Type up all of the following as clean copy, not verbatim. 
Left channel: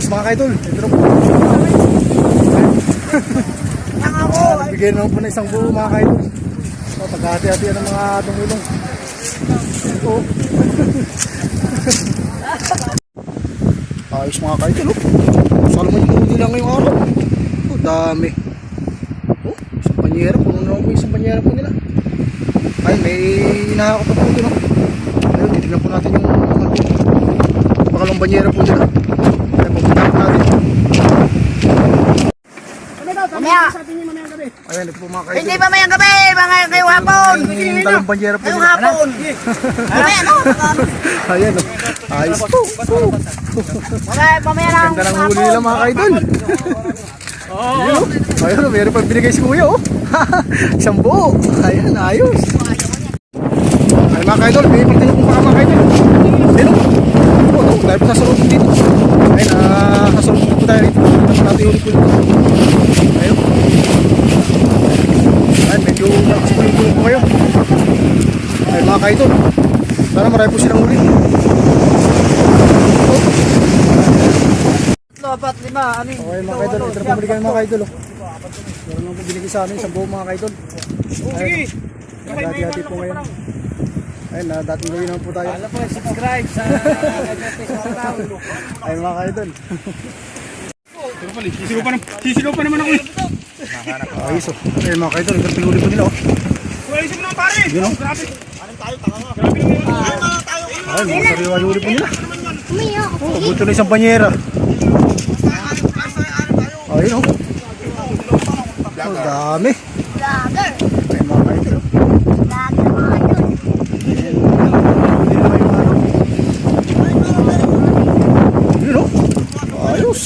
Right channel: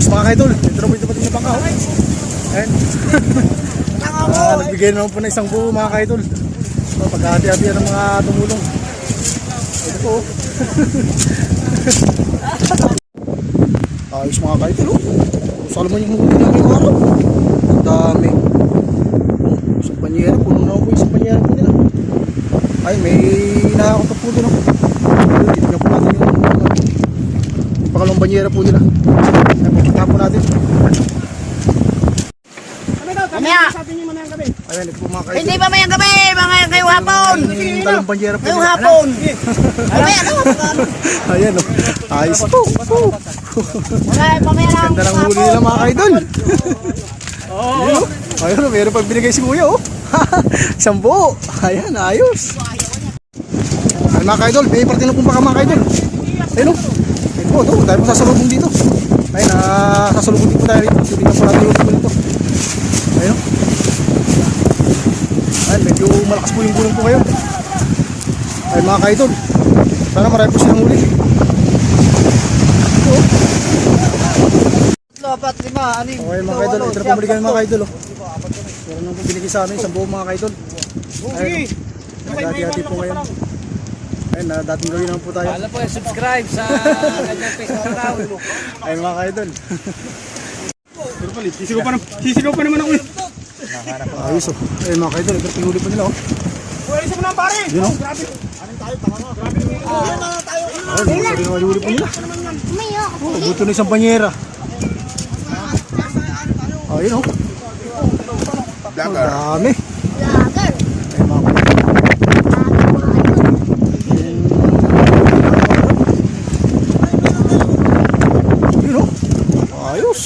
Ayos mga kaidol. Ito na po yung pagkaw. Nagbigay naman po na isang buo mga kaidol. Pagkahati-hatian ng mga tumulong. Ito po. Ayos mga kaidol. Saan naman yung huli na ngayong araw? Ang dami. Isang panyera. Puno naman po isang panyera po nila. Ay, may nakakapag po doon. Ayun, titignan po natin yung pakalong banyera po nila. Ay, pupuntahan po natin. Mamaya. Ayan, ito po mga kaidol. Hindi pa mayang gabi, mga ngayong hapon. Talong banyera po Ngayong nila. hapon. Ayan, oh. Ayos po. Mamaya lang. Ganda ng huli nila mga kaidol. Ayun, oh. Ayun, oh. Meron pang binigay si kuya, oh. Isang buo. Ayan, ayos. Ay mga kaidol, may partino kong baka mga kaidol. Ayun, oh. Oh, ito, dahil po sasalubong dito. Ayun, sasalubong dito po tayo dito. Tingnan po natin yung ulit po dito. Ayun. Ayun, medyo malakas po yung gulong po kayo. Ayun mga kaidol. Sana marami po silang huli. Oh. Dapat lima, ano yung... Okay mga kaidol, ito na pumuli kami mga kaidol. Meron nang po binigay sa amin, isang buo mga kaidol. Ayun, naghati-hati po ngayon. Ayun, dating gawin naman po tayo. Alam po, subscribe sa Facebook. Ayun mga kaidol. Sisigaw pa naman ako eh. Ayos oh. Ayun mga kaidol, ito na pinuli po nila oh. Wala isa mo naman pare. Yun oh. Grabe. Ayun, mga sariwang huli po nila. Oh, buto na isang banyera. Ayun oh. Oh, dami. Ayun mga kaidol. Yun oh. Ayos.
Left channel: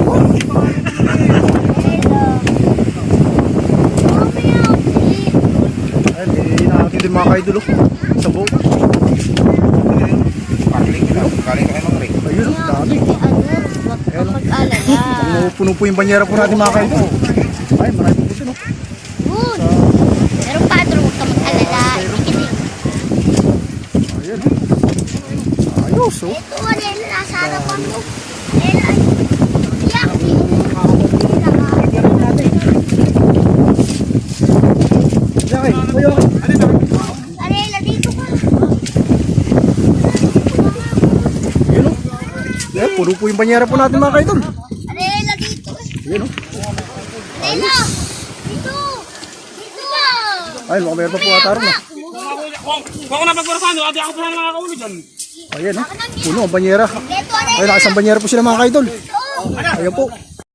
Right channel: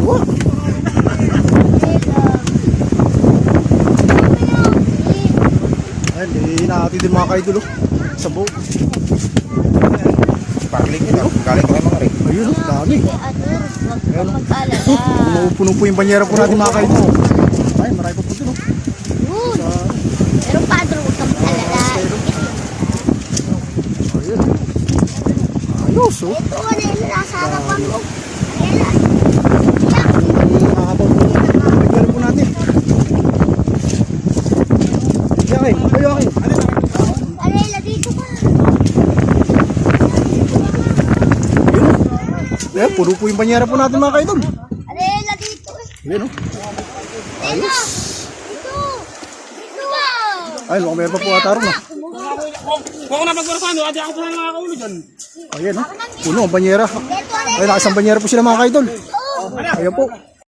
Wow. Ayun, hinahati din mga kaidol oh. Isang buo. Ayun oh, dami. Ayun oh. Kung mapupuno po yung banyera po natin mga kaidol. Ay, marami po po dun oh. Pero padro Ayun. Ayos oh. Natin. Yakin, kayo yakin. Yun oh. Ayan, puro po yung banyera po natin mga kaidol. Yun oh. Ayos. Ayun, baka meron pa po atarong na. Kung ako napagparasan, ate ako po lang nakakauli dyan. Ayan oh. Puno ang banyera. Ayun, nakasang banyera po sila mga kaidol. Ayan po.